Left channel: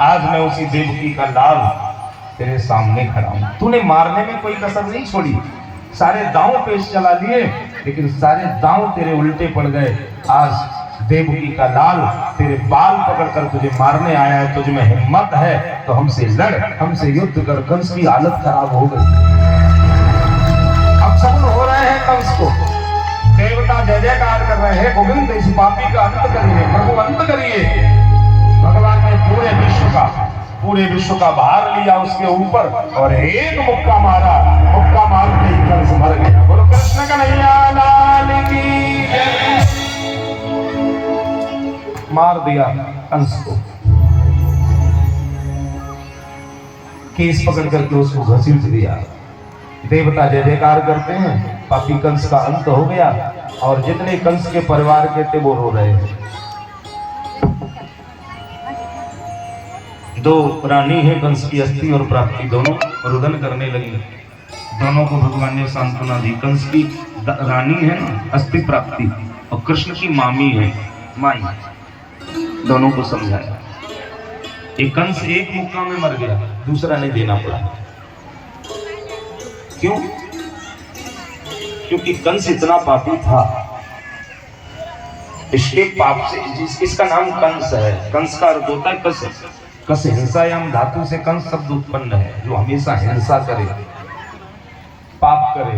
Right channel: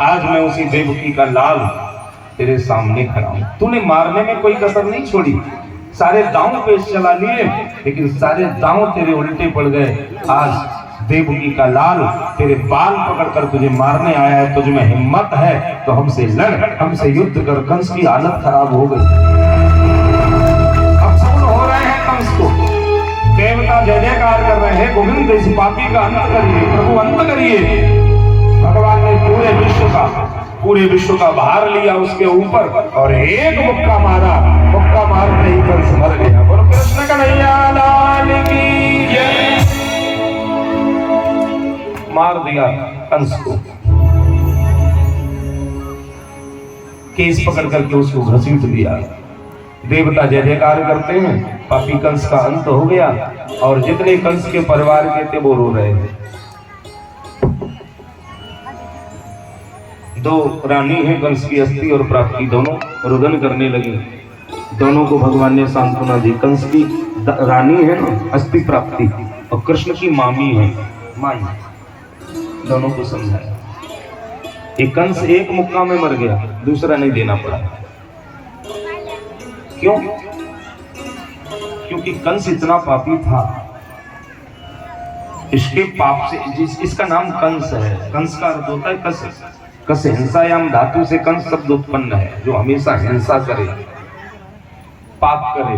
आज मैं उसी देवकी का लाल तेरे सामने खड़ा हूं। तूने मारने में कोई कसर नहीं छोड़ी, सारे दांव पेश चला लिए, लेकिन सारे दांव तेरे उल्टे पड़ गए। आज देवकी का लाल तेरे बाल पकड़कर तुझे मारने आया है। तुझ में हिम्मत है तो हमसे लड़, हमसे युद्ध कर। कंस की हालत खराब हो गई। अब सब हो रहे हैं कंस को, देवता जय जयकार कर रहे हैं, गोविंद इस पापी का अंत करिए, प्रभु अंत करिए। भगवान ने पूरे विश्व का भार लिया उसके ऊपर और एक मुक्का मारा। मुक्का मारते ही कंस मर गया। और कृष्ण कन्हैया लाल की जय। मार दिया कंस को, केस पकड़ करके उसको घसीट दिया। देवता जय जयकार करते हैं, पापी कंस का अंत हो गया। और जितने कंस के परिवार के थे वो रो रहे हैं। दो रानी है कंस की, अस्थि और प्राप्ति, दोनों रुदन करने लगी। दोनों को भगवान ने सांत्वना दी। कंस की रानी है ना अस्थि प्राप्ति, और कृष्ण की मामी है माई। दोनों को समझाया। एक कंस एक मुक्का में मर गया, दूसरा नहीं देना पड़ा। क्यों? क्योंकि कंस इतना पापी था। इसके पाप से इसका नाम कंस है। कंस का अर्थ होता है कस। कस हिंसायाम धातु से कंस शब्द उत्पन्न है, जो हमेशा हिंसा करे, पाप करे।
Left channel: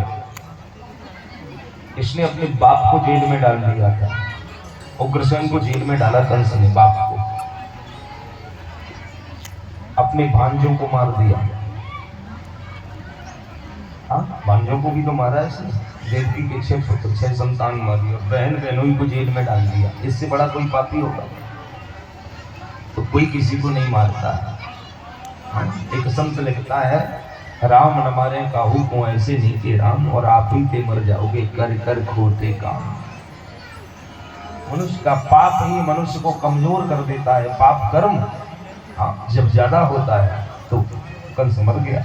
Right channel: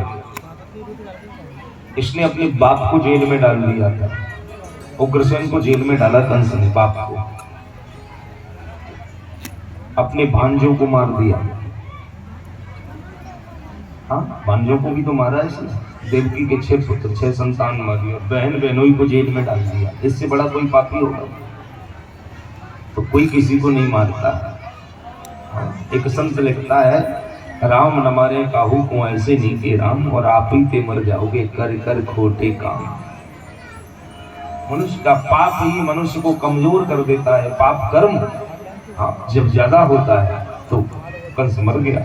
इसने अपने बाप को जेल में डाल दिया था। उग्रसेन को जेल में डाला कंस ने, बाप को। अपने भांजों को मार दिया। हाँ, भांजों को भी तो मारा इसने। देवकी के 6 पुत्र 6 संतान मार दिया। बहन बहनोई को जेल में डाल दिया। इससे बड़ा कोई पापी होगा तो कोई किसी को नहीं मारता। एक संत लिखता है, राम न मारे काहू को ऐसे नीके राम, और आप ही पे मर जाओगे कर कर खोटे काम। मनुष्य का पाप ही मनुष्य को कमजोर कर देता है। पाप कर्म जब ज्यादा होता है तो कंस मर गया।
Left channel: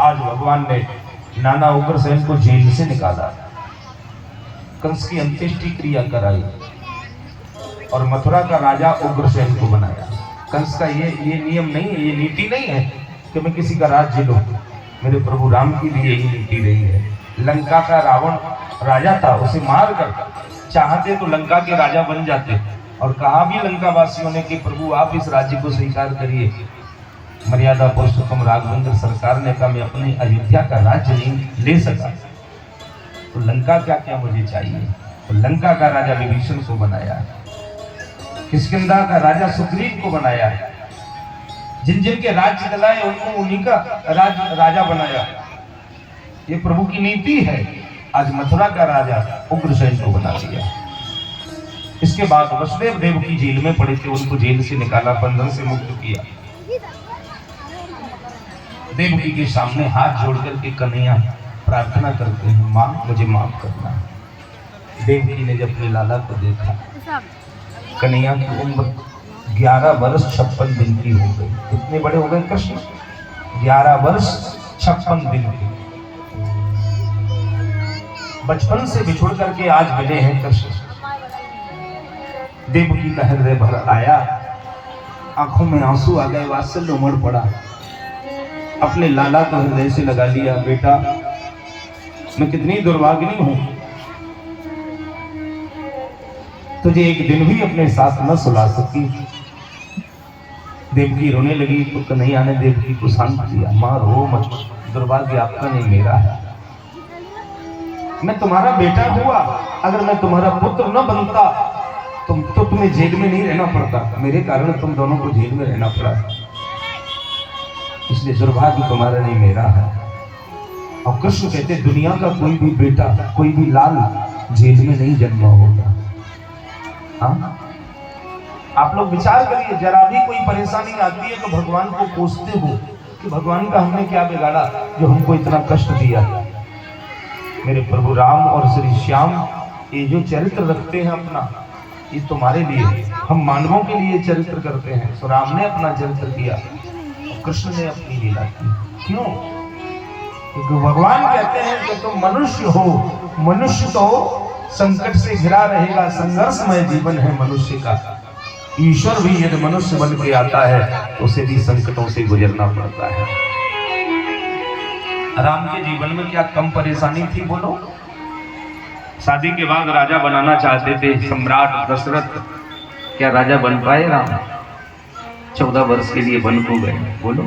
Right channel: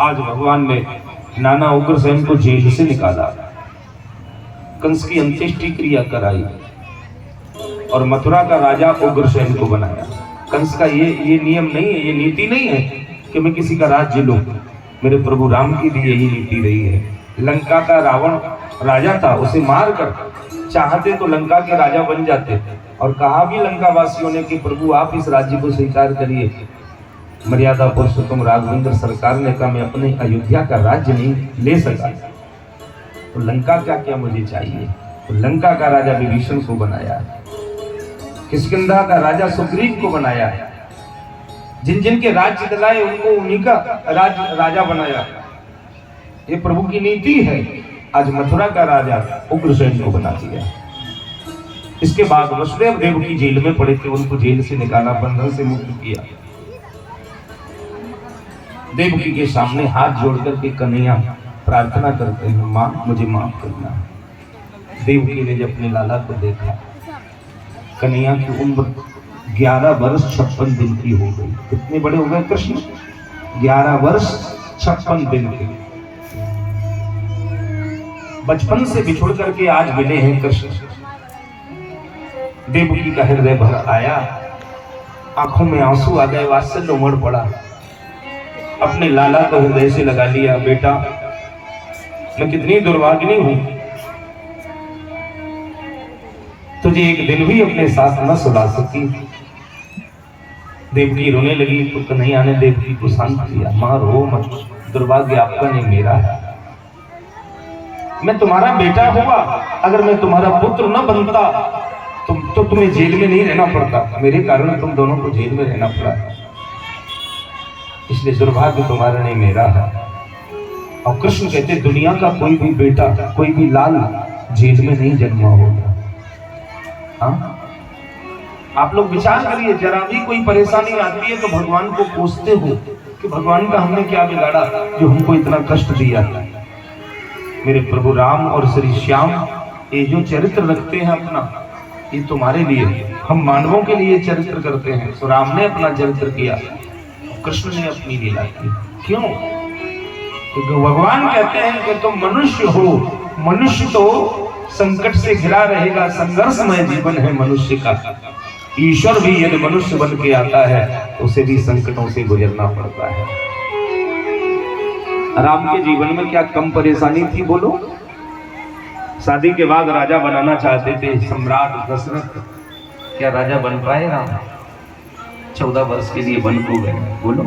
आज भगवान ने नाना उग्रसेन को जेल से निकाला, कंस की अंत्येष्टि क्रिया कराई और मथुरा का राजा उग्रसेन को बनाया। कंस का ये नियम नहीं है, ये नीति नहीं है कि मैं किसी का राज्य लूं। मेरे प्रभु राम की भी यही नीति रही है। लंका का रावण राजा था, उसे मार कर चाहते तो लंका के राजा बन जाते। और कहा भी लंका वासियों ने कि प्रभु आप इस राज्य को स्वीकार करिए। मर्यादा पुरुषोत्तम राघवेंद्र सरकार ने कहा मैं अपने अयोध्या का राज्य नहीं ले सका, तो लंका क्या क्या मुझे चाहिए। तो लंका का राजा विभीषण को बनाया, किष्किंधा का राजा सुग्रीव को बनाया है। जिन जिन के राज्य चलाए उनको उन्हीं का राजा बनाया। ये प्रभु की नीति है। आज मथुरा का राजा उग्रसेन को बना दिया। इसके बाद वसुदेव देव की जेल में पड़े थे, उनको जेल से निकाला, बंधन से मुक्त किया। देवकी के सामने हाथ जोड़कर के कन्हैया प्रार्थना करते हैं, मां मुझे माफ करना। देवकी ने जब अपने लाला को देखा, कन्हैया की उम्र 11 वर्ष 56 दिन की हो गई। कितने बड़े हो गए कृष्ण? 11 वर्ष 56 दिन के। बचपन से बिछुड़ करके आज मिले हैं कृष्ण। देवकी का हृदय भर आया, आंखों में आंसू आ गए, वात्सल्य उमड़ पड़ा। अपने लाला को हृदय से लगा लिया, बेटा मैं कितनी दुर्भागिनी हूं, तुझे एक दिन भी अपने साथ न सुला सकी। देवकी रोने लगी तो कन्हैया ने देवकी को शांत किया, मां रो मत, दुर्भाग्य आपका नहीं मेरा है। मैं तुम्हारा बेटा हुआ, अगर मैं तुम्हारा पुत्र न बनता तो तुम्हें जेल में नहीं रहना पड़ता। मेरे कारण तुम दोनों को जेल में रहना पड़ा, इसलिए दुर्भाग्य तुम्हारा नहीं मेरा है। और कृष्ण कहते दुनिया का कोई भी बेटा, कोई भी लाल जेल में नहीं जन्मा होगा। हाँ, आप लोग विचार करिए, जरा भी कोई परेशानी आती है तो भगवान को कोसते हो कि भगवान का हमने क्या बिगाड़ा जो हमको इतना कष्ट दिया। मेरे प्रभु राम और श्री श्याम ये जो चरित्र रखते हैं अपना, ये तुम्हारे लिए, हम मानवों के लिए चरित्र करते हैं। तो राम ने अपना चरित्र किया, कृष्ण ने अपनी लीला की। क्यों? क्योंकि भगवान कहते हैं कि तुम मनुष्य हो, मनुष्य तो संकट से घिरा रहेगा, संघर्षमय जीवन है मनुष्य का, ईश्वर भी यदि मनुष्य बन के आता है तो उसे भी संकटों से गुजरना पड़ता है। राम के जीवन में क्या कम परेशानी थी बोलो? शादी के बाद राजा बनाना चाहते थे सम्राट दशरथ, क्या राजा बन पाए राम? 14 वर्ष के लिए बन को गए। बोलो,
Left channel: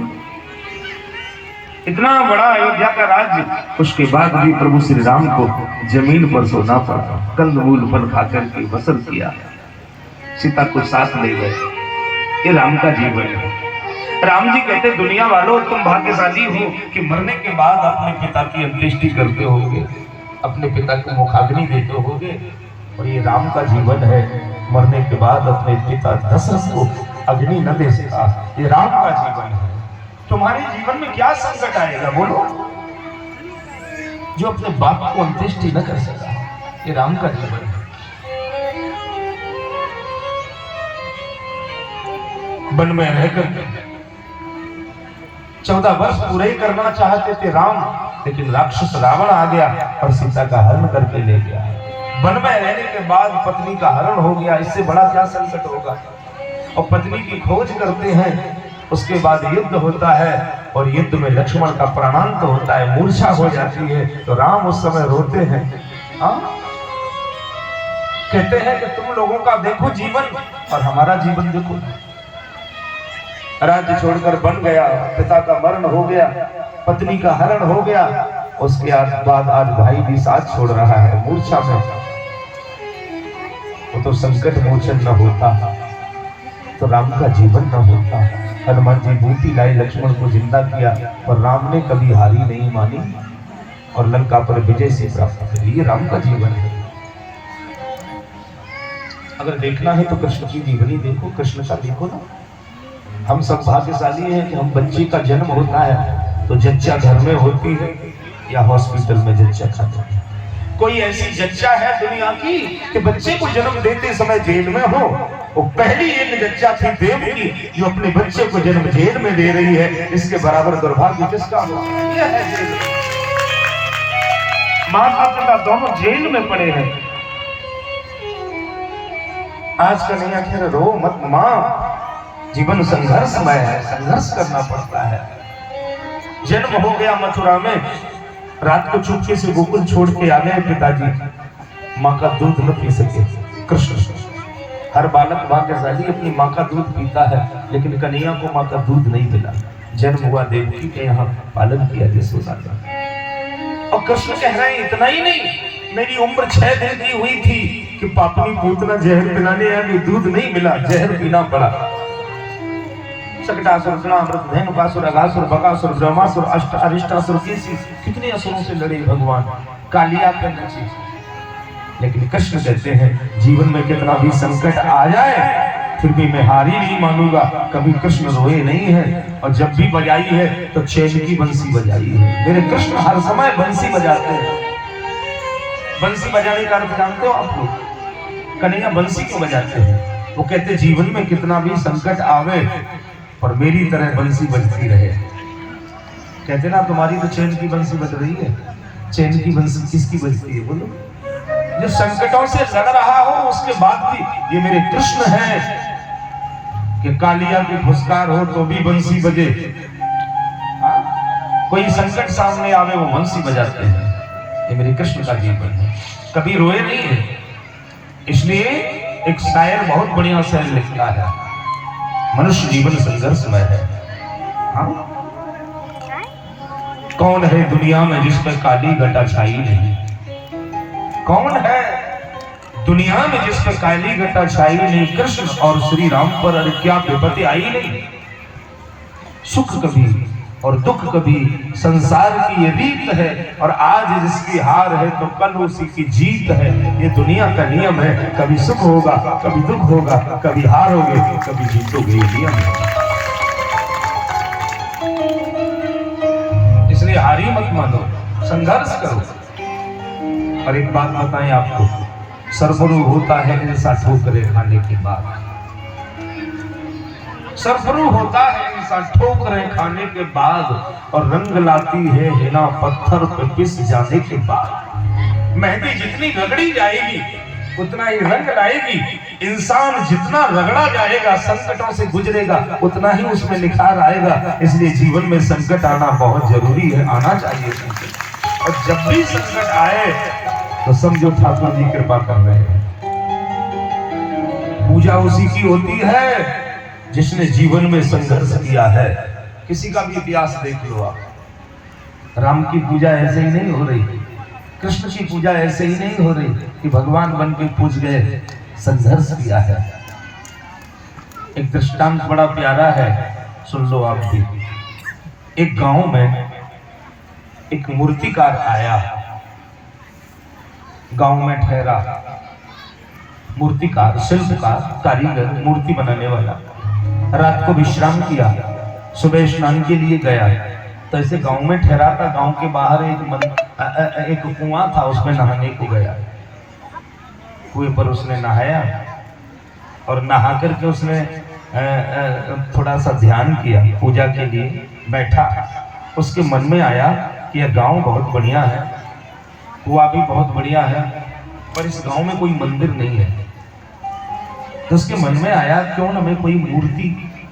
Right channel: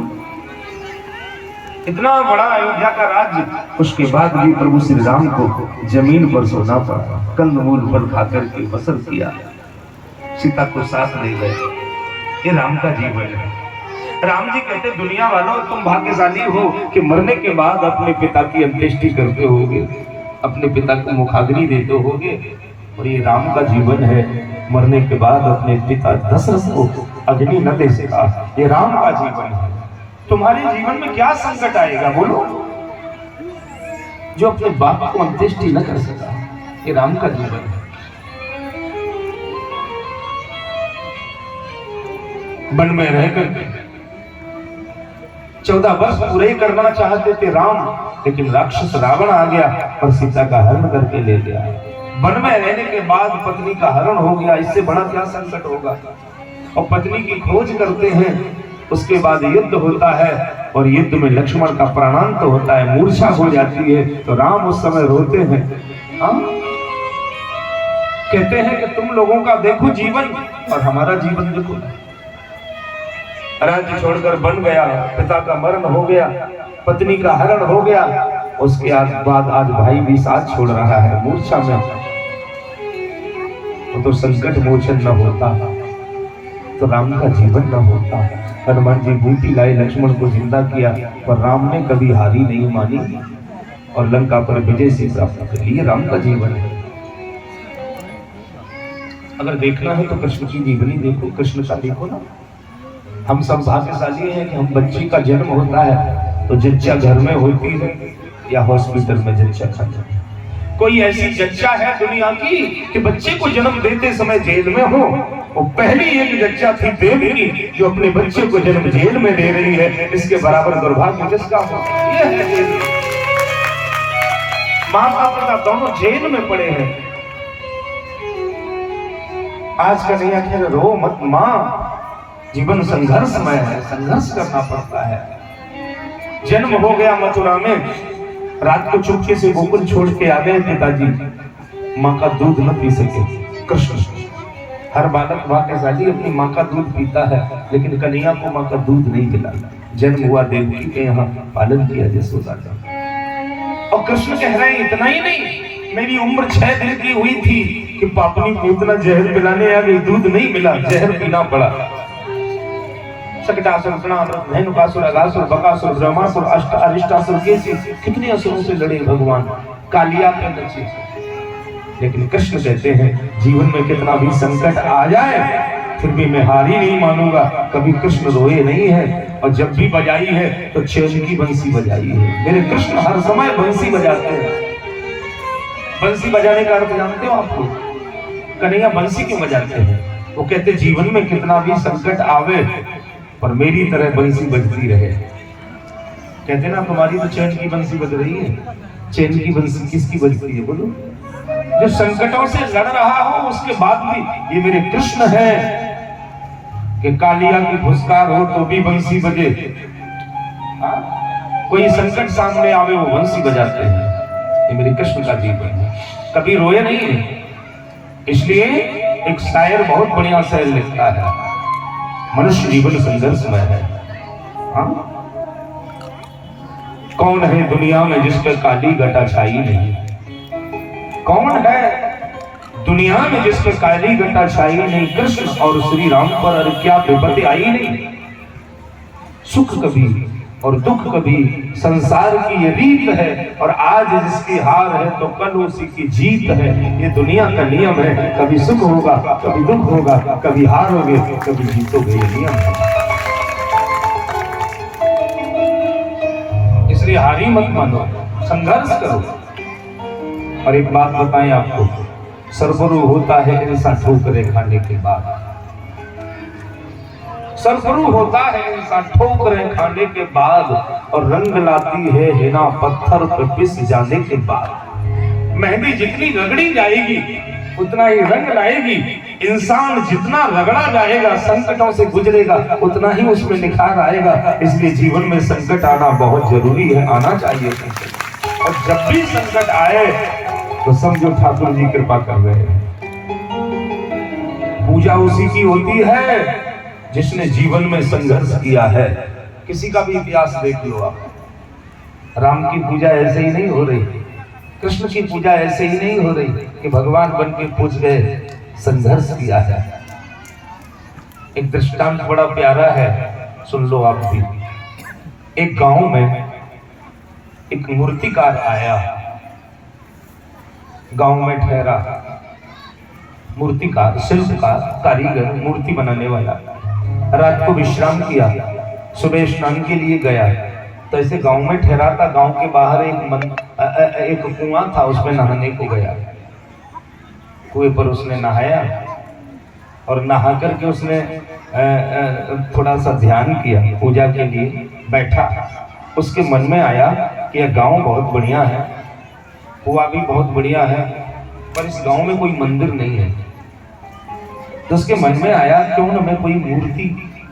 इतना बड़ा अयोध्या का राज्य, उसके बाद भी प्रभु श्री राम को जमीन पर सोना पड़ा, कंदमूल पर खाकर के बसर किया, सीता को साथ ले गए। ये राम का जीवन है। राम जी कहते, दुनिया वालों तुम भाग्यशाली हो कि मरने के बाद अपने पिता की अंत्येष्टि करते होगे, अपने पिता को मुखाग्नि देते होगे, और ये राम का जीवन है, मरने के बाद अपने पिता दशरथ को अग्नि न दे सका। ये राम का जीवन है। तुम्हारे जीवन में क्या संकट आएगा बोलो, जो अपने बाप को अंत्येष्टि न कर सका? ये राम का जीवन है। वन में रहकर 14 वर्ष पूरे करना चाहते थे राम, लेकिन राक्षस रावण आ गया और सीता का हरण करके ले गया। वन में रहने के बाद पत्नी का हरण हो गया, इससे बड़ा क्या संकट होगा? और पत्नी की खोज करते हैं, उसके बाद युद्ध होता है और युद्ध में लक्ष्मण का प्राणांत होता है, मूर्छा हो जाती है, तो राम उस समय रोते हैं। कहते हैं कि तुम लोगों का देखो जीवन और हमारा जीवन देखो। राज्य छोड़कर बन गया, पिता का मरण हो गया, पत्नी का हरण हो गया, उसके बाद आज भाई भी साथ छोड़ रहा है मूर्छा में। तो संकट मोचन न होता तो राम का जीवन न होता। हनुमान जी बूटी लाए, लक्ष्मण को जिंदा किया, और राम ने कभी हारी नहीं मानी और लंका पर विजय से प्राप्त कर ली। राम का जीवन है। अगर देखना है तो कृष्ण की जीवनी देखो, कृष्ण का देखो ना। हम सब भाग्यशाली हैं कि हम बच्चे का जन्म होता है तो जच्चा घर में होती है या हॉस्पिटल में जच्चा खाता है। कोई ऐसी जच्चा है दुनिया की कि बच्चे को जन्म देते समय जेल में हो? वो पहली एक जच्चा थी देवकी जो अपने बच्चे को जन्म जेल में दे रही है। इसके बराबर दुर्भाग्य किसका हो? ये है जेल। माता पिता दोनों जेल में पड़े हैं। आज का नहीं है, रो मत मां, जीवन संघर्षमय है, संघर्ष करना पड़ता है। जन्म हो गया मथुरा में, रात को चुपके से गोकुल छोड़ के आ गए पिताजी, माँ का दूध न पी सके। कृष्ण, हर बालक भाग्यशाली अपनी माँ का दूध पीता है, लेकिन कन्हैया को माँ का दूध नहीं मिला। जन्म हुआ देवकी के यहाँ, पालन किया यशोदा का। और कृष्ण कह रहे हैं इतना ही नहीं, मेरी उम्र 6 दिन की हुई थी कि पापनी पूतना जहर पिलाने आ गई, दूध नहीं मिला, जहर पीना पड़ा। शकटासुर, कृणामृत, धेनुकासुर, अघासुर, बकासुर, ब्रह्मासुर, अष्ट अरिष्टासुर, केसी, कितने असुरों से लड़े भगवान, कालिया पे नचे। लेकिन कृष्ण कहते हैं जीवन में कितना भी संकट आ जाए फिर भी मैं हारी नहीं मानूंगा। कभी कृष्ण रोए नहीं है, और जब भी बजाई है तो चैन की बंसी बजाई है। मेरे कृष्ण हर समय बंसी बजाते हैं। बंसी बजाने का अर्थ जानते हो आप लोग? कन्हैया बंसी क्यों बजाते हैं? वो कहते जीवन में कितना भी संकट आवे पर मेरी तरह बंसी बजती रहे। कहते ना तुम्हारी तो चैन की बंसी बज रही है। चैन की बंसी किसकी बजती है बोलो? जो संकटों से लड़ रहा हो उसके बाद भी ये मेरे कृष्ण हैं कि कालिया की फुसकार हो तो भी बंसी बजे। कोई संकट सामने आवे वो बंसी बजाते हैं। ये मेरे कृष्ण का जीवन है, कभी रोए नहीं है। इसलिए एक शायर बहुत बढ़िया शेर लिखता है, मनुष्य जीवन संघर्षमय है। कौन है दुनिया में जिसके काली घटा छाई नहीं? कौन है दुनिया में जिसके काली घटा छाई नहीं? कृष्ण और श्री राम पर अरे क्या विपत्ति आई नहीं? सुख कभी और दुख कभी संसार की ये रीत है, और आज जिसकी हार है तो कल उसी की जीत है। ये दुनिया का नियम है, कभी सुख होगा कभी दुख होगा, कभी हारोगे कभी जीतोगे, ये नियम है। इसलिए हारी मत मानो, संघर्ष करो। और एक बात बताएं आपको, सरबरू होता है ऐसा ठोकरें खाने के बाद। सरबरू होता है इंसान ठोकरें खाने के बाद, और रंग लाती है हिना पत्थर पे पिस जाने के बाद। मेहंदी जितनी रगड़ी जाएगी उतना ही रंग लाएगी, इंसान जितना रगड़ा जाएगा, संकटों से गुजरेगा, उतना ही उसमें निखार आएगा। इसलिए जीवन में संकट आना बहुत जरूरी है, आना चाहिए संकट। और जब भी संकट आए तो समझो ठाकुर जी कृपा कर रहे हैं। पूजा उसी की होती है जिसने जीवन में संघर्ष किया है। किसी का भी इतिहास देख लो आप, राम की पूजा ऐसे ही नहीं हो रही, कृष्ण की पूजा ऐसे ही नहीं हो रही कि भगवान बन के पूज गए, संघर्ष किया है। एक दृष्टांत बड़ा प्यारा है, सुन लो आप भी। एक गांव में एक मूर्तिकार आया, गांव में ठहरा, मूर्तिकार, शिल्पकार, कारीगर, मूर्ति बनाने वाला। रात को विश्राम किया, सुबह स्नान के लिए गया। तो ऐसे गांव में ठहरा था, गांव के बाहर एक कुआं था, उसमें नहाने को गया। कुएं पर उसने नहाया और नहा करके उसने थोड़ा सा ध्यान किया, पूजा के लिए बैठा। उसके मन में आया कि यह गांव बहुत बढ़िया है, कुआं भी बहुत बढ़िया है, पर इस गांव में कोई मंदिर नहीं है। तो उसके मन में आया क्यों ना मैं कोई मूर्ति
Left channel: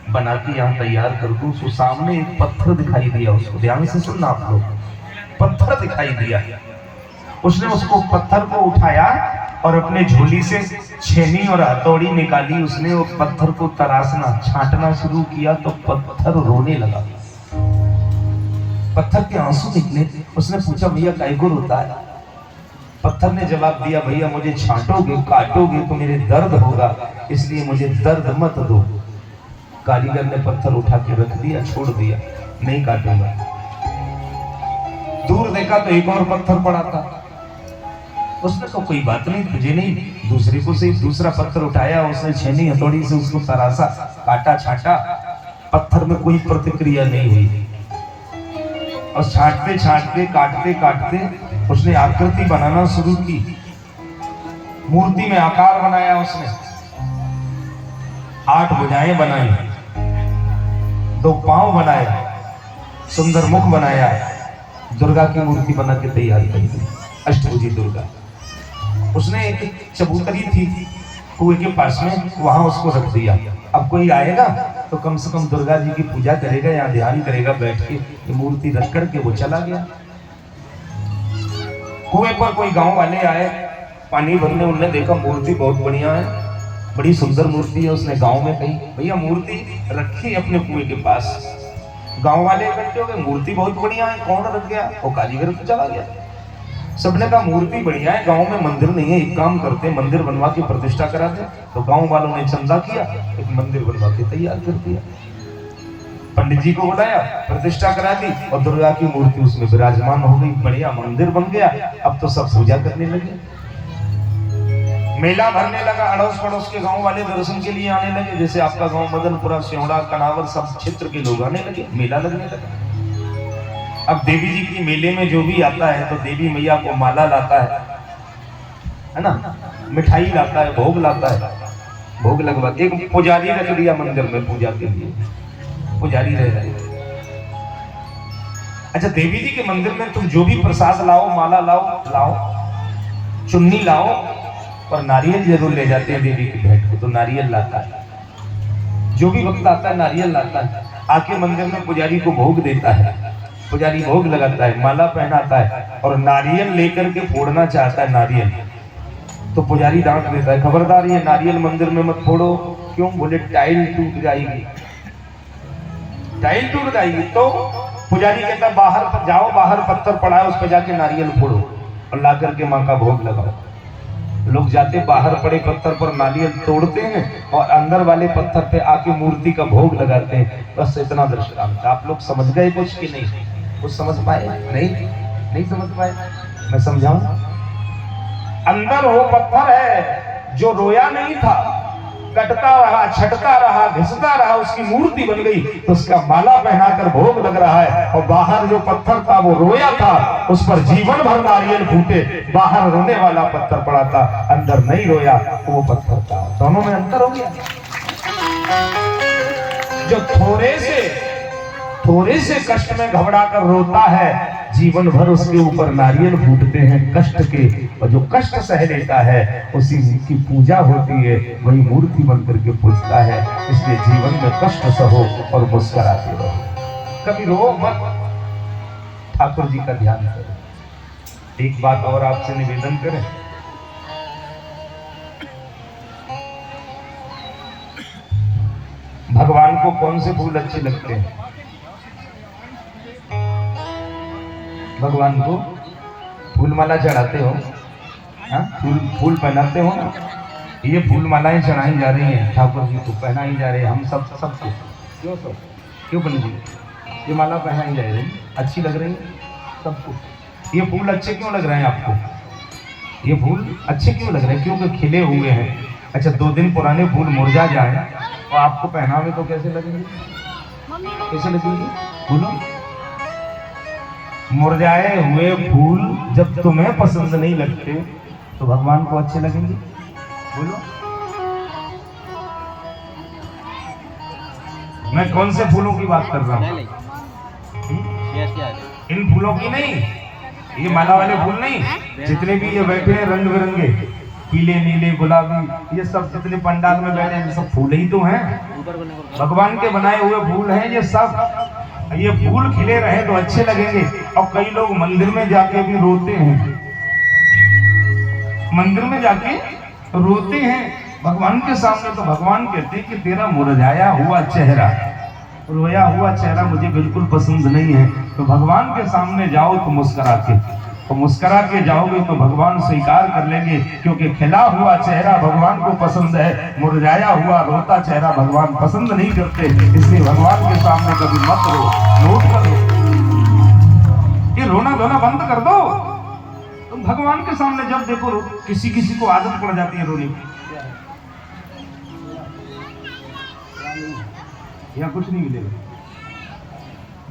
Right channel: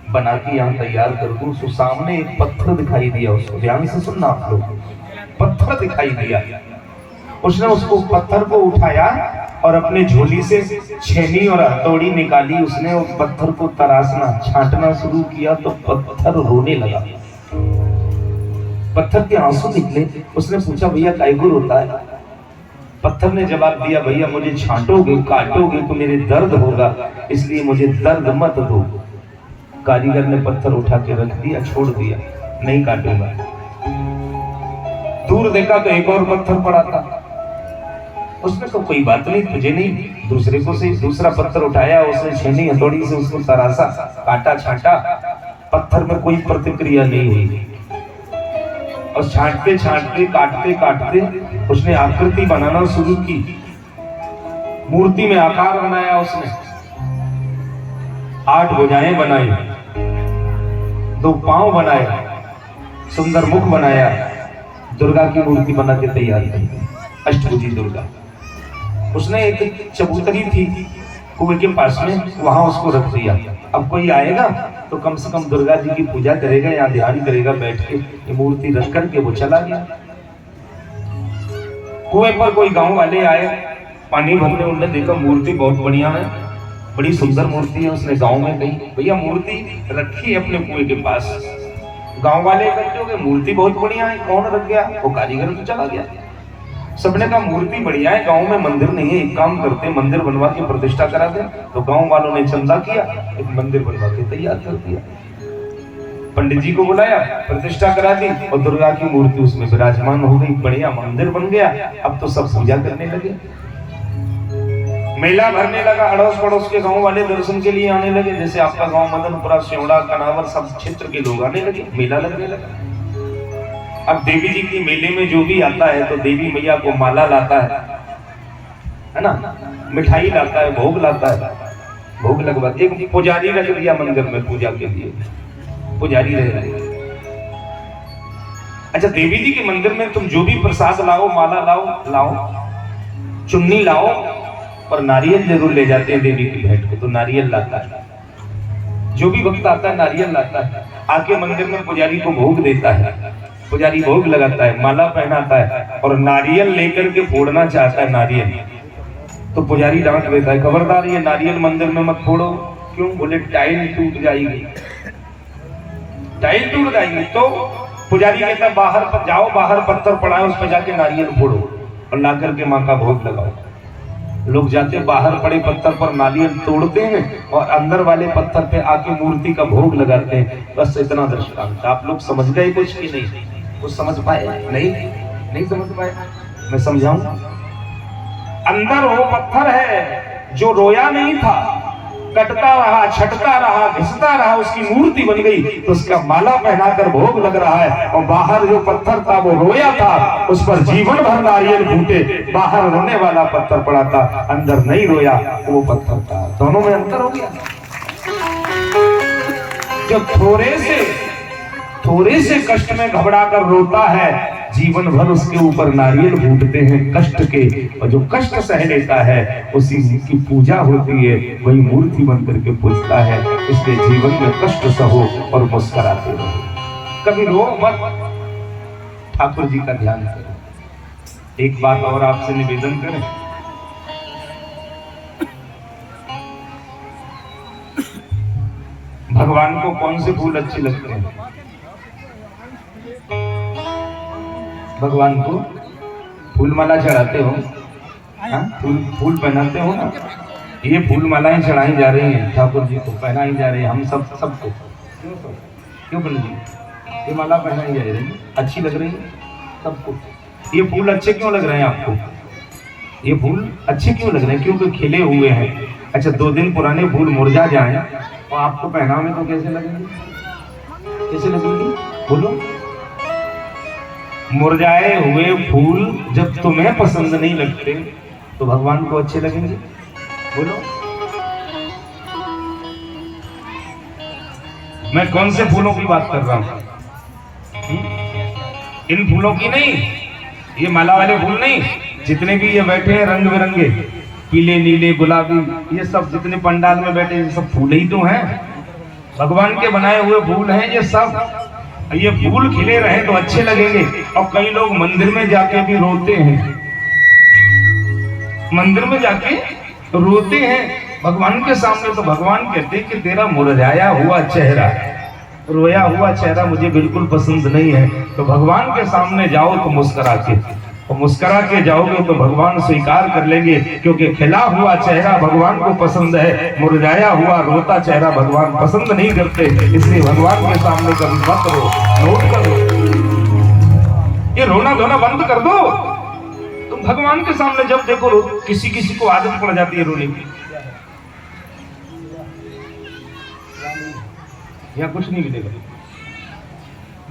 बना के यहाँ तैयार कर दूं। तो सामने एक पत्थर दिखाई दिया उसको, ध्यान से सुनना आप लोग, पत्थर दिखाई दिया। उसने उसको पत्थर को उठाया और अपने झोली से छेनी और हथौड़ी निकाली। उसने उस पत्थर को तराशना, छांटना शुरू किया तो पत्थर रोने लगा, पत्थर के आंसू निकले। उसने पूछा भैया काय को रोता है? पत्थर ने जवाब दिया भैया मुझे छांटोगे, काटोगे तो मेरे दर्द होगा, इसलिए मुझे दर्द मत दो। कारीगर ने पत्थर उठा के रख दिया, छोड़ दिया, नहीं काटूंगा। दूर देखा तो एक और पत्थर पड़ा था। उसने तो कोई बात नहीं, तुझे नहीं, दूसरे को से दूसरा पत्थर उठाया, उसने छेनी हथौड़ी से उसको तराशा, काटा, छांटा, पत्थर में कोई प्रतिक्रिया नहीं हुई। और छांटते छांटते, काटते काटते उसने आकृति बनाना शुरू की, मूर्ति में आकार बनाया। उसने 8 भुजाएं बनाई, 2 पांव बनाए, सुंदर मुख बनाया, दुर्गा की मूर्ति बना के तैयार की, अष्टभुजी दुर्गा। उसने एक चबूतरी थी कुएं के पास में, वहां उसको रख दिया। अब कोई आएगा तो कम से कम दुर्गा जी की पूजा करेगा या ध्यान करेगा बैठ के। ये मूर्ति रख करके वो चला गया। कुएं पर कोई गांव वाले आए पानी भरने, उन्होंने देखा मूर्ति बहुत बढ़िया है, बड़ी सुंदर मूर्ति है। उसने गांव में कही भैया मूर्ति रखी अपने कुएं के पास। गांव वाले इकट्ठे हो गए, मूर्ति बहुत बढ़िया है, कौन रख गया? वो कारीगर तो चला गया। सबने कहा मूर्ति बढ़िया है, गांव में मंदिर नहीं है, एक काम करते मंदिर बनवा के प्रतिष्ठा करा दे। तो गांव वालों ने चंदा किया, एक मंदिर बनवा के तैयार कर दिया। पंडित जी को बुलाया, प्रतिष्ठा करा दी और दुर्गा की मूर्ति उसमें विराजमान हो गई, बढ़िया मंदिर बन गया। अब तो सब पूजा करने लगे, मेला भरने लगा, अड़ोस पड़ोस के गांव वाले दर्शन के लिए आने लगे। जैसे आपका गांव मदनपुरा, स्योड़ा, कनावर, सब क्षेत्र के लोग आने लगे, मेला लगने लगा। अब देवी जी की मेले में जो भी आता है तो देवी मैया को माला लाता है ना, मिठाई लाता है, भोग लाता है, भोग लगवा। एक पुजारी रख दिया मंदिर में पूजा के लिए, पुजारी रह रहे। अच्छा, देवी जी के मंदिर में तुम जो भी प्रसाद लाओ, माला लाओ, चुन्नी लाओ और नारियल जरूर ले जाते हैं देवी की भेंट को। तो नारियल लाता है, जो भी भक्त आता है नारियल लाता है, आके मंदिर में पुजारी को भोग देता है। पुजारी भोग लगाता है, माला पहनाता है और नारियल लेकर के फोड़ना चाहता है नारियल। तो पुजारी डांट देता है, खबरदार ये नारियल मंदिर में मत फोड़ो। क्यों? बोले टाइल टूट जाएगी, टाइल टूट जाएगी। तो पुजारी कहता है बाहर पर जाओ, बाहर पत्थर पड़ा है, उस पर जाके नारियल फोड़ो और ला करके माँ का भोग लगाओ। लोग जाते बाहर पड़े पत्थर पर नारियल तोड़ते हैं और अंदर वाले पत्थर पे आके मूर्ति का भोग लगाते हैं। बस इतना दृष्टांत। आप लोग समझ गए कुछ कि नहीं? कुछ समझ पाए? नहीं समझ पाए? मैं समझाऊं। अंदर वो पत्थर है जो रोया नहीं था, कटता रहा, छटता रहा, घिसता रहा, उसकी मूर्ति बन गई। तो उसका माला पहनाकर भोग लग रहा है। और बाहर जो पत्थर था वो रोया था, उस पर जीवन भर नारियल फूटे। बाहर रोने वाला पत्थर पड़ा था, अंदर नहीं रोया, वो पत्थर था। दोनों में अंतर हो गया। जो थोड़े से कष्ट में घबरा कर रोता है, जीवन भर उसके ऊपर नारियल फूटते हैं कष्ट के, और जो कष्ट सह लेता है उसी की पूजा होती है, वही मूर्ति बनकर के पूजता है। इसलिए जीवन में कष्ट सहो और मुस्कुराते रहो, कभी रो मत, ठाकुर जी का ध्यान करें। एक बात और आपसे निवेदन करें, भगवान को कौन से फूल अच्छे लगते हैं? भगवान को फूल माला चढ़ाते हो, फूल पहनाते हो ना, ये फूल मालाएं चढ़ाई जा रही हैं ठाकुर जी को, पहनाई जा रही है हम सबको। क्यों सर, क्यों पंडित जी ये माला पहनाई जा रही है, अच्छी लग रही है सबको? ये फूल अच्छे क्यों लग रहे हैं आपको? ये फूल अच्छे क्यों लग रहे हैं? क्योंकि खिले हुए हैं। अच्छा 2 दिन पुराने फूल मुरझा जाएं और आपको पहनावे तो कैसे लगेंगे? कैसे लगेंगे बोलो? मुरझाए हुए फूल जब तुम्हें पसंद नहीं लगते तो भगवान को अच्छे लगेंगे बोलो? मैं कौन से फूलों की बात कर रहा हूं? इन फूलों की नहीं, ये माला वाले फूल नहीं, जितने भी ये बैठे हैं रंग बिरंगे, पीले नीले गुलाबी, ये सब जितने पंडाल में बैठे हैं सब फूल ही तो हैं, भगवान के बनाए हुए फूल हैं ये सब। ये फूल खिले रहे तो अच्छे लगेंगे। और कई लोग मंदिर में जाके भी रोते हैं, मंदिर में जाके रोते हैं भगवान के सामने, तो भगवान कहते हैं कि तेरा मुरझाया हुआ चेहरा, रोया हुआ चेहरा मुझे बिल्कुल पसंद नहीं है। तो भगवान के सामने जाओ तो मुस्कुरा के, और मुस्कुरा के जाओगे तो भगवान स्वीकार कर लेंगे, क्योंकि खिला हुआ चेहरा भगवान को पसंद है, मुरझाया हुआ रोता चेहरा भगवान पसंद नहीं करते। इसलिए भगवान के सामने कभी मत रो, नोट करो, ये रोना धोना बंद कर दो। तुम भगवान के सामने जब देखो रो, किसी को आदत पड़ जाती है रोने की, या कुछ नहीं मिलेगा,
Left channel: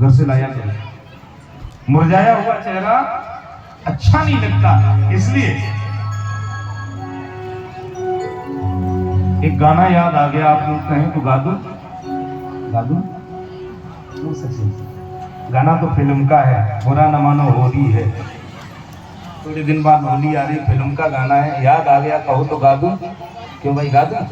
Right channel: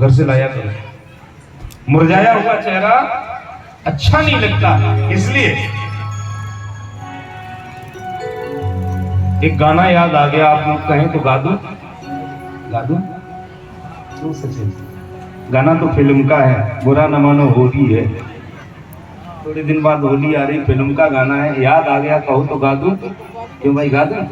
घर से लाया करो। मुरझाया हुआ चेहरा अच्छा नहीं लगता, इसलिए एक गाना याद आ गया, आप लोग कहें तो गा दूं? गा दूं? वो सचिन गाना तो फिल्म का है, बुरा न मानो होली है, थोड़े दिन बाद होली आ रही, फिल्म का गाना है, याद आ गया, कहो तो गा दूं? क्यों भाई गा दूं?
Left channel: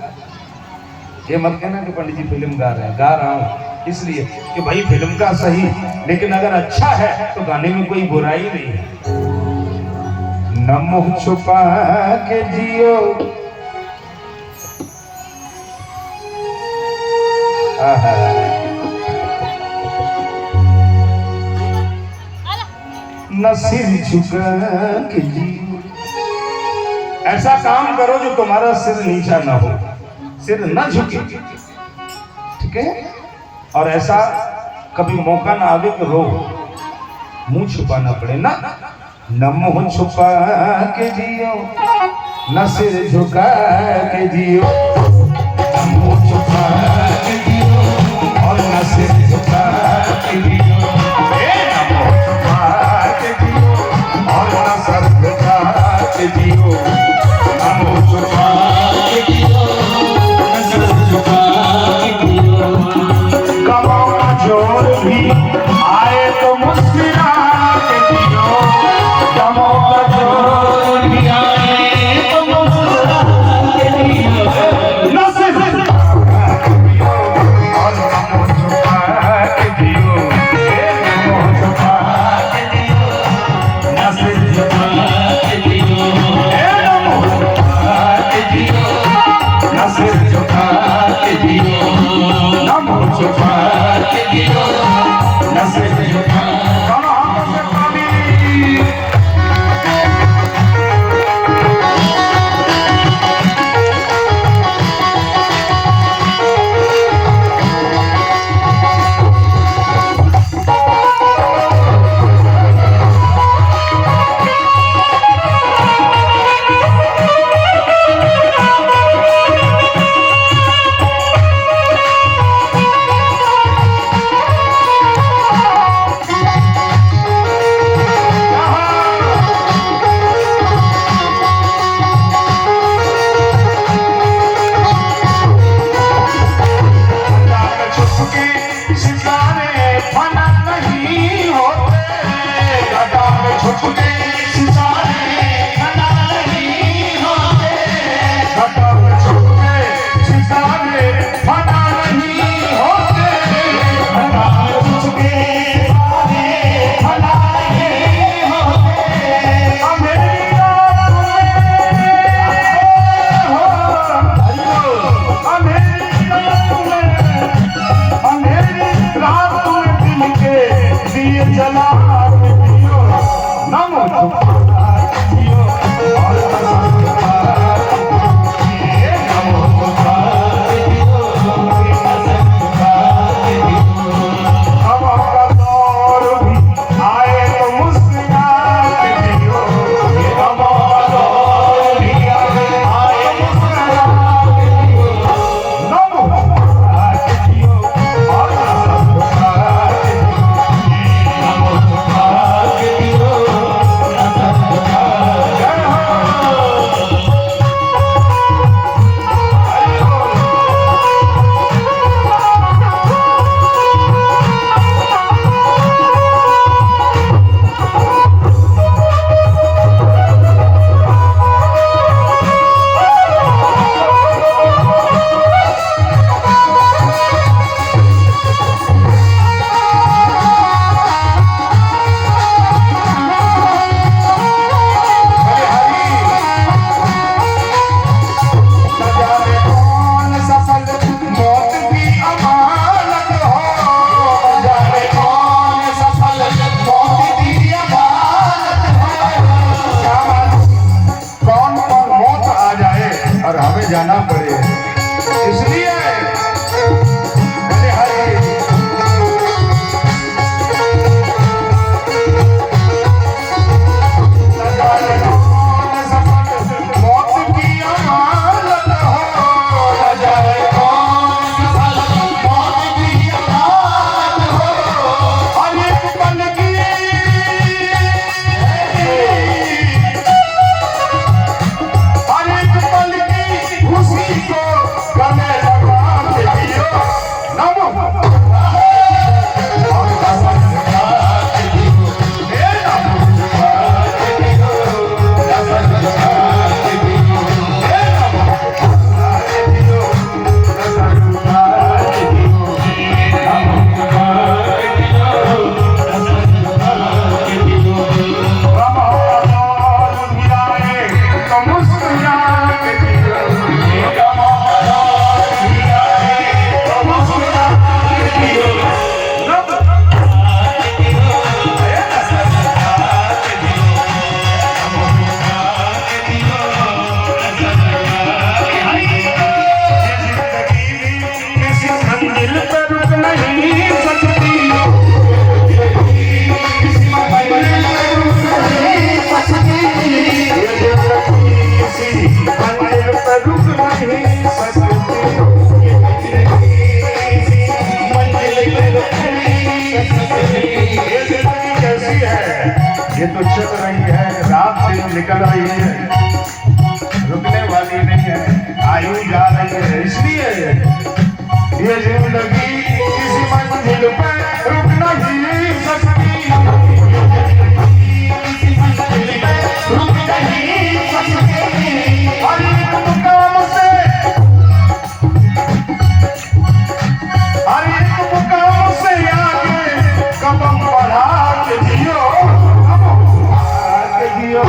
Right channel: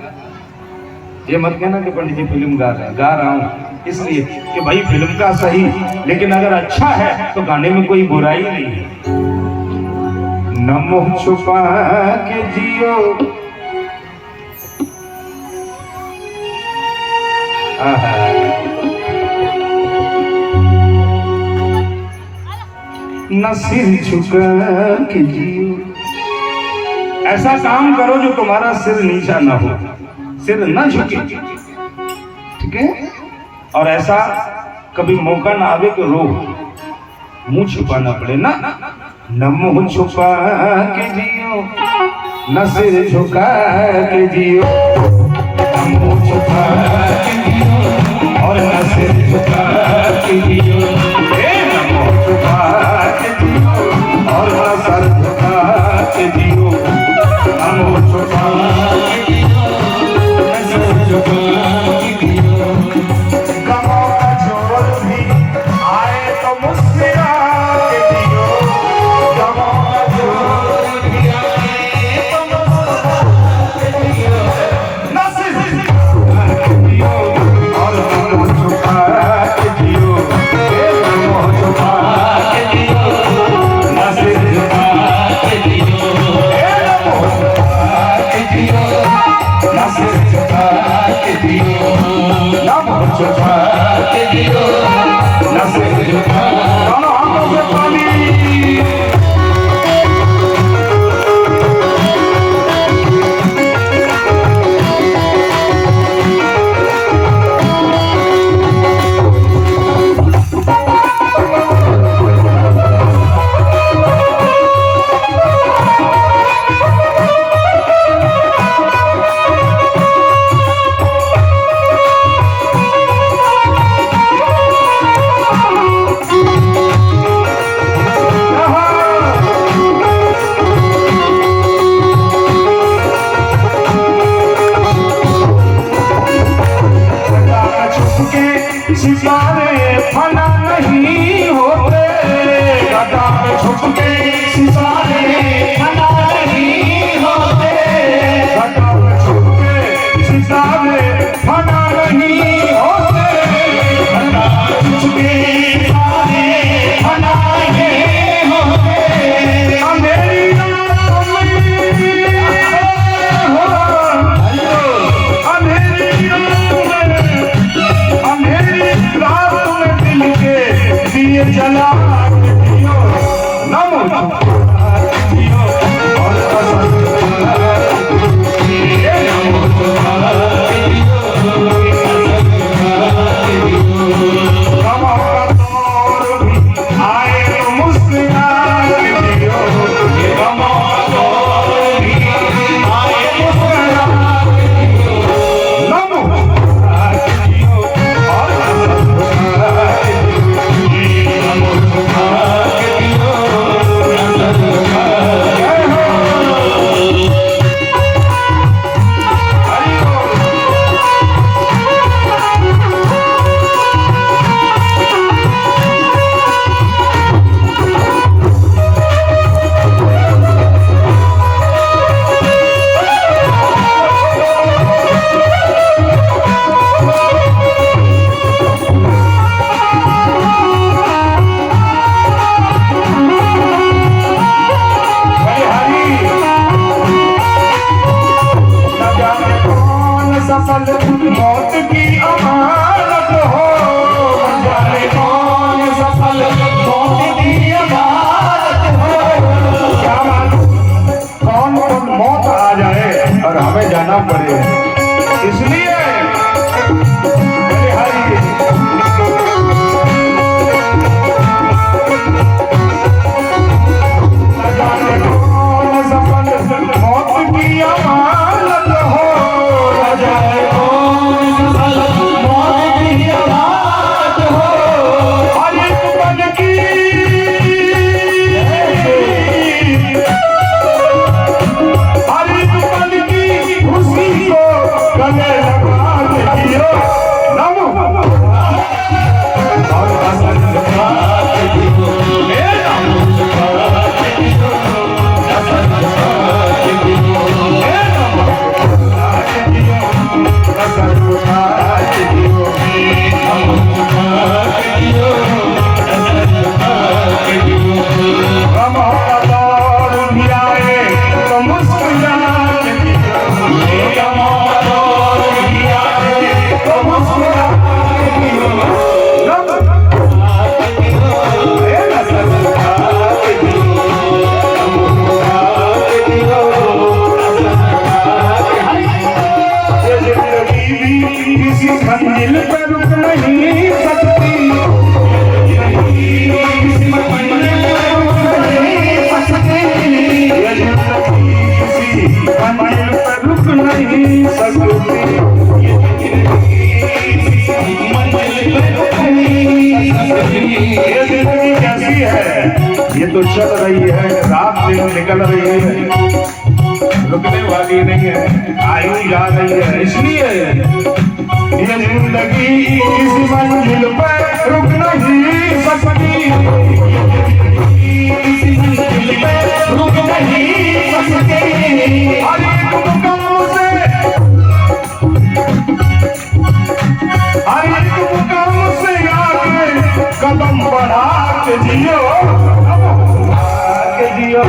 ये मत कहना कि पंडित जी फिल्म गा रहे हैं, गा रहा हूं इसलिए कि भाई फिल्म का सही, लेकिन अगर अच्छा है तो गाने में कोई बुराई नहीं है। न मुंह छुपा के जियो, न सिर झुका के जियो, ऐसा काम करो जो तुम्हारा सिर नीचा ना हो, सिर न झुके, ठीक है? और ऐसा कभी मौका ना आवे कि रो, मुंह छुपाना पड़े ना। न मुंह छुपा के जियो, न सिर झुका के जियो, न मुंह छुपा के जियो और न सिर झुका के जियो, न मुंह छुपा के जियो और न सर झुका के जियो, न मुंह छुपा के जियो, न सर झुका के जियो। गमों का जोर भी आए तो मुस्कुरा के जियो, गमों का जोर भी आए तो मुस्कुरा के जियो, न सिर झुका के जियो और न मुंह छुपा के जियो, न मुंह छुपा के जियो, न सिर झुका के जियो, न मुंह छुपा के जियो, न सिर झुका के जियो, न मुंह छुपा के जियो, न सिर झुका। सितारे फन नहीं होते, चल रही है, रात दिन निकल रही है, रुकने वाली नहीं है, आयु जा रही है। इसलिए ये जिंदगी किसी मंजिल पर रुक नहीं सकती, किसी मंजिल पर रुक नहीं सकती। हर एक मुकाम से, हर एक मुकाम से आगे कदम बढ़ा के जियो, आगे जियो,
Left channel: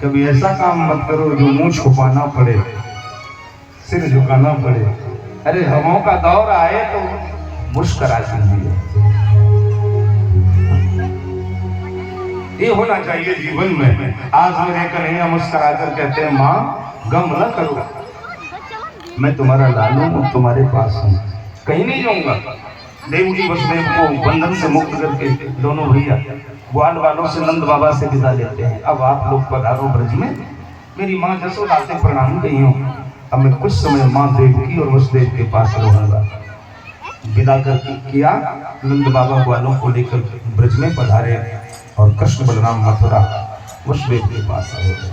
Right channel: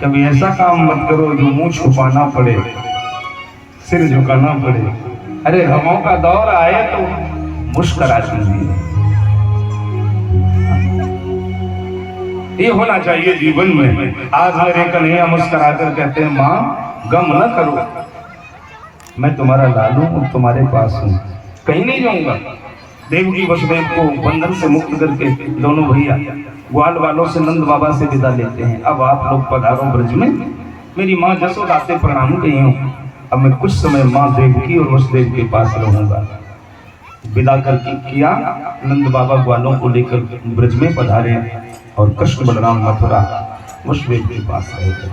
कभी ऐसा काम मत करो जो मुंह छुपाना पड़े, सिर झुकाना पड़े। अरे हमों का दौर आए तो मुस्कुरा दीजिए। ये होना चाहिए जीवन में। आज मेरे कन्हैया मुस्कुरा कर कहते हैं, माँ गम न करो, मैं तुम्हारा लालू हूँ, तुम्हारे पास हूँ, कहीं नहीं जाऊंगा। देवकी वसुदेव को बंधन से मुक्त करके दोनों भैया ग्वाल वालों से नंद बाबा से विदा लेते हैं। अब आप लोग पधारो ब्रज में, मेरी माँ जसोदा से प्रणाम गई हूँ, अब मैं कुछ समय माँ देवकी और वसुदेव के पास रहूंगा। विदा करके किया, नंद बाबा ग्वालों को लेकर ब्रज में पधारे और कृष्ण बलराम मथुरा वसुदेव के पास रहे।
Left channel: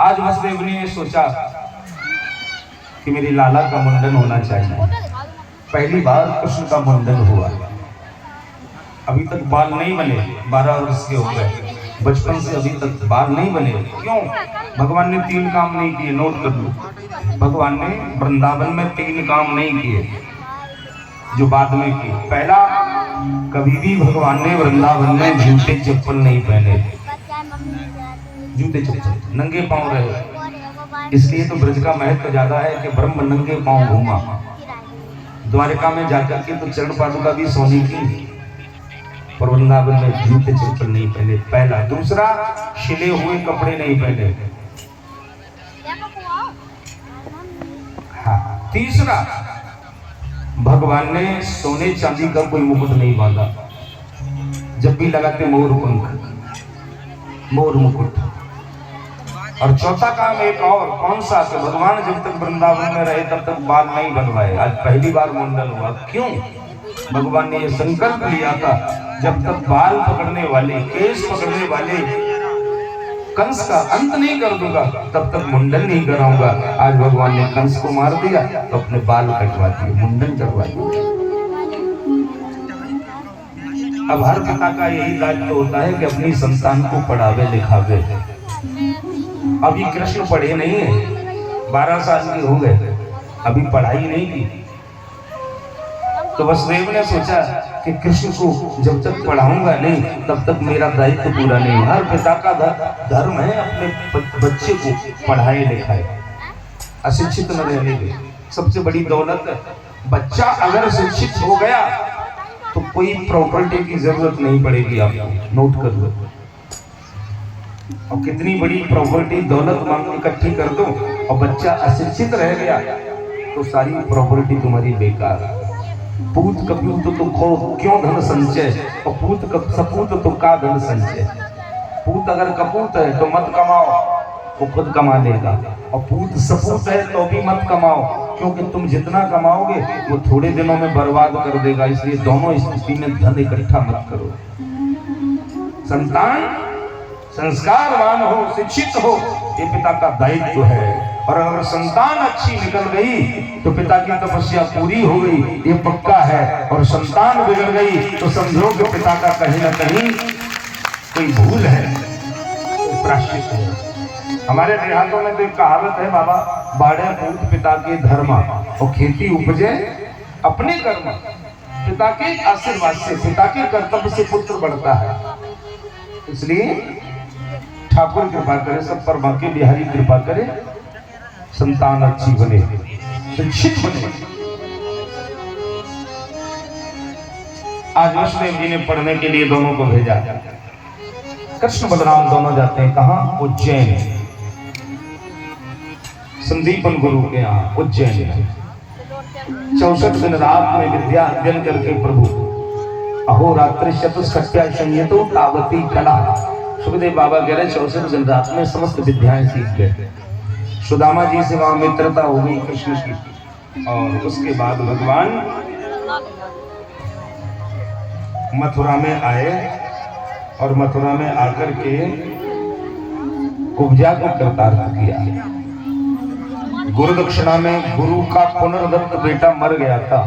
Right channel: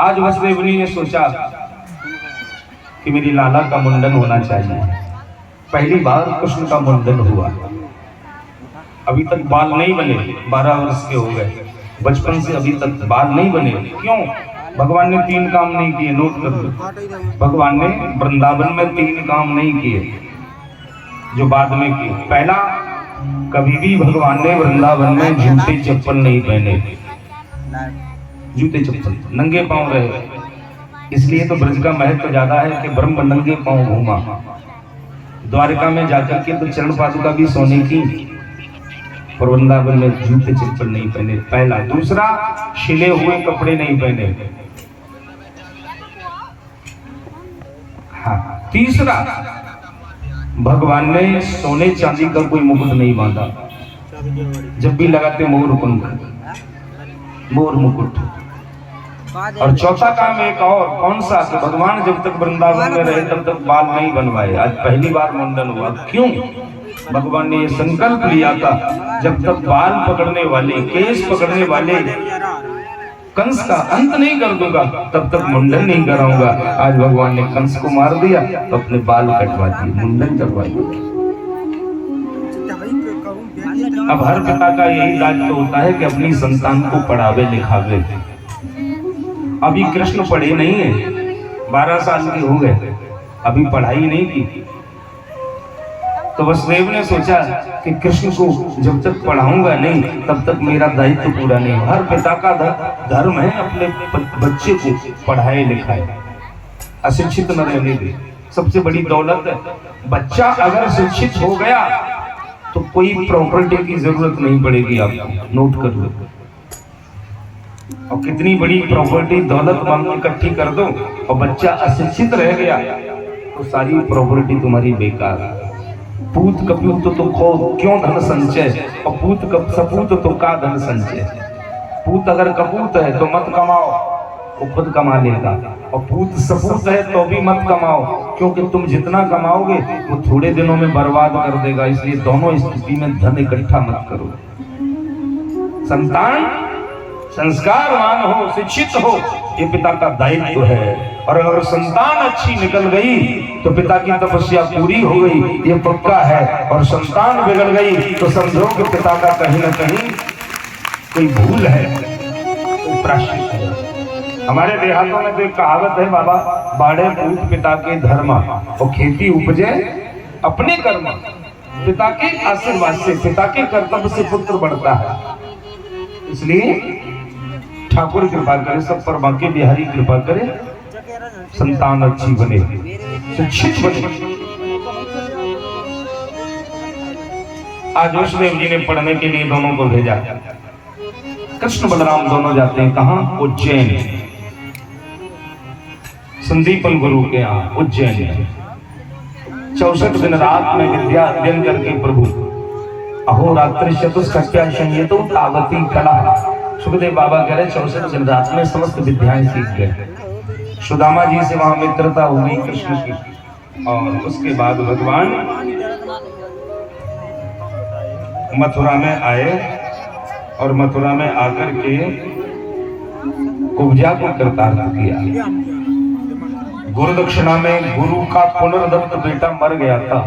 आज वसुदेव ने सोचा कि मेरी लाला का मुंडन होना चाहिए। पहली बार कृष्ण का मुंडन हुआ। अभी तक बाल नहीं बने, 12 वर्ष के हो गए, बचपन से अभी तक बाल नहीं बने। क्यों? भगवान ने 3 काम नहीं किए, नोट कर लो। भगवान ने वृंदावन में 3 काम नहीं किए जो बाद में किए। पहला, कभी भी भगवान ने वृंदावन में जूते चप्पल नहीं पहने, जूते चप्पल, नंगे पांव रहे। इसलिए तो ब्रज का महत्व ज्यादा है कि ब्रह्म नंगे पांव घूमा। द्वारका में जाकर के तो चरण पादुका भी सोने की, पर वृंदावन में जूते चप्पल नहीं पहने। पहला। दूसरा, छिले हुए कपड़े नहीं पहने। हाँ। तीसरा, भगवान ने सोने चांदी का कोई मुकुट नहीं बांधा, जब भी लगाते मोर पंख, मोर मुकुट। और चौथा काम एक और, कौन सा? तो भगवान जब तक वृंदावन में रहे तब तक बाल नहीं बनवाए। आज पहली बार मुंडन हुआ। क्यों? भगवान ने संकल्प लिया था, जब तक बाल पकड़ने वाले, केस पकड़ने वाले कंस का अंत नहीं कर दूंगा तब तक मुंडन नहीं कराऊंगा। आज भगवान ने कंस को मार दिया तो अपने बाल कटवा दिए, मुंडन करवा दिए। अब हर पिता का यही दायित्व होता है कि अपनी संतान को पढ़ावे लिखावे। अभी कृष्ण पढ़े नहीं है, 12 साल के हो गए, अभी पढ़ाई नहीं की। तो वसुदेव ने सोचा कि कृष्ण को जब तक पढ़ाऊंगा नहीं तब तक मेरा दायित्व पूरा नहीं होगा। हर पिता का धर्म है अपने बच्चे को पढ़ाए लिखाए, अशिक्षित न रहने दे। सबसे बड़ी दौलत है। बच्चा अगर शिक्षित हो गया तो कोई प्रॉपर्टी की जरूरत नहीं पड़ेगी। आप नोट कर लो। और कितनी बड़ी प्रॉपर्टी दौलत इकट्ठी कर दो और बच्चा अशिक्षित रह गया तो सारी प्रॉपर्टी तुम्हारी बेकार है। पूत कपूत तो क्यों धन संचय, और पूत सपूत तो का धन संचय। पूत अगर कपूत है तो मत कमाओ, वो खुद कमा लेगा। और पूत सपूत है तो भी मत कमाओ, क्योंकि तुम जितना कमाओगे वो थोड़े दिनों में बर्बाद कर देगा। इसलिए दोनों स्थिति में धन इकट्ठा मत करो। संतान संस्कारवान हो, शिक्षित हो, ये पिता का दायित्व है। और अगर संतान अच्छी निकल गई तो पिता की तपस्या पूरी हो गई, ये पक्का है। और संतान बिगड़ गई तो समझो कि पिता का कहीं ना कहीं कोई भूल है, कोई प्रायश्चित है। हमारे देहातों में तो एक कहावत है बाबा, बाड़े पूत पिता के धर्म और खेती उपजे अपने कर्म। पिता के आशीर्वाद से, पिता के कर्तव्य से पुत्र बढ़ता है। इसलिए ठाकुर कृपा करे, सब पर बांके बिहारी कृपा करे, संतान अच्छी बने, शिक्षित बने। आज वसुदेव जी ने पढ़ने के लिए दोनों को भेजा। कृष्ण बलराम दोनों जाते हैं कहाँ? उज्जैन, संदीपन गुरु के यहाँ उज्जैन। 64 दिन रात में विद्या दिन करके प्रभु अहोरात्रि चतुष्कट्या संयतो तावती कला। सुखदेव बाबा कह रहे 64 दिन रात में समस्त विद्याएं सीख गए। सुदामा जी से वहां मित्रता हो गई कृष्ण की। और उसके बाद भगवान मथुरा में आए और मथुरा में आकर के कुब्जा को कृतार्थ किया। गुरु दक्षिणा में गुरु का पुनर्दत्त बेटा मर गया था,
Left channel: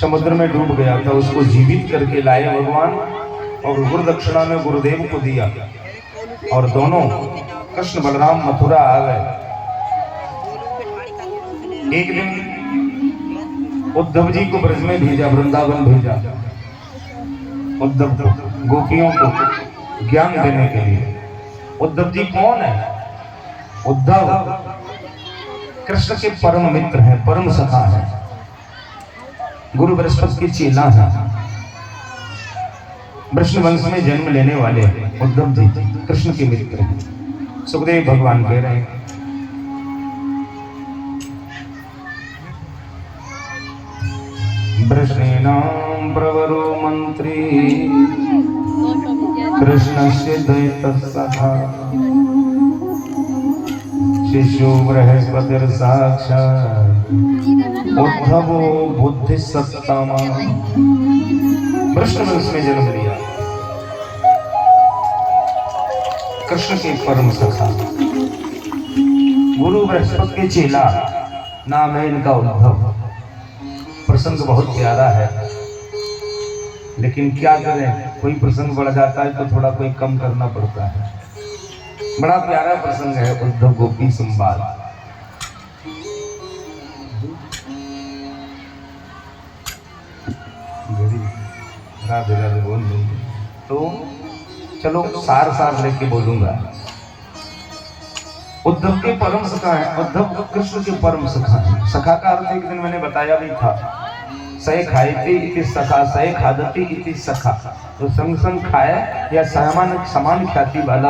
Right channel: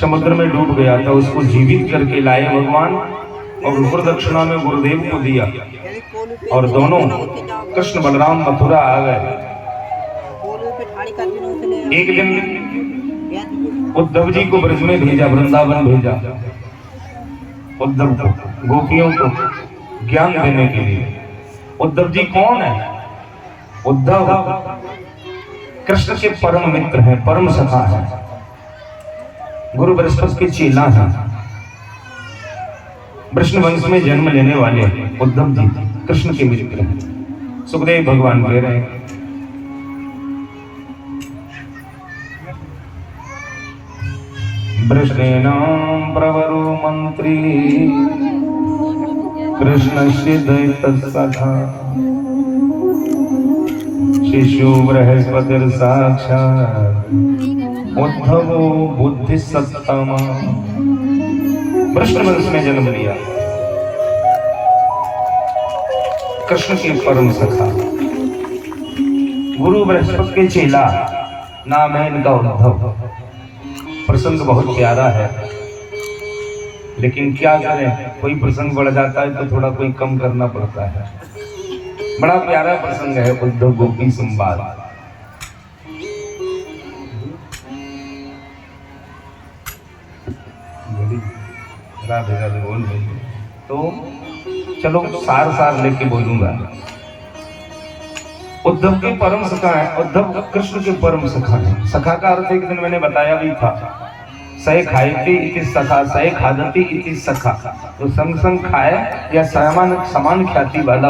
समुद्र में डूब गया था, उसको जीवित करके लाए भगवान और गुरु दक्षिणा में गुरुदेव को दिया। और दोनों कृष्ण बलराम मथुरा आ गए। एक दिन उद्धव जी को ब्रज में भेजा, वृंदावन भेजा उद्धव को, गोपियों को ज्ञान देने के लिए। उद्धव जी कौन है? उद्धव कृष्ण के परम मित्र हैं, परम सखा हैं, गुरु बृहस्पति के चेला हैं, वृष्ण वंश में जन्म लेने वाले उद्धव जी कृष्ण के मित्र हैं। सुखदेव भगवान कह रहे हैं वृष्णेनां प्रवरो मंत्री कृष्णस्य दैतसखा शिशु बृहस्पतिर साक्षात् उद्धवो बुद्धि सत्तमा। कृष्ण वंश में जन्म लिया, कृष्ण के परम सखा, गुरु बृहस्पति के चेला, नाम है इनका उद्धव। प्रसंग बहुत प्यारा है, लेकिन क्या करें, कोई प्रसंग बढ़ जाता है तो थोड़ा कोई कम करना पड़ता है। बड़ा प्यारा प्रसंग है उद्धव गोपी संवाद। राधे राधे बोल देंगे तो चलो सार सार लेके बोलूंगा। उद्धव के परम सखा है, उद्धव कृष्ण के परम सखा है। सखा का अर्थ एक दिन मैंने बताया भी था, सही खाएती इति सखा, सही खादती इति सखा। तो संग संग खाए या समान ख्याति वाला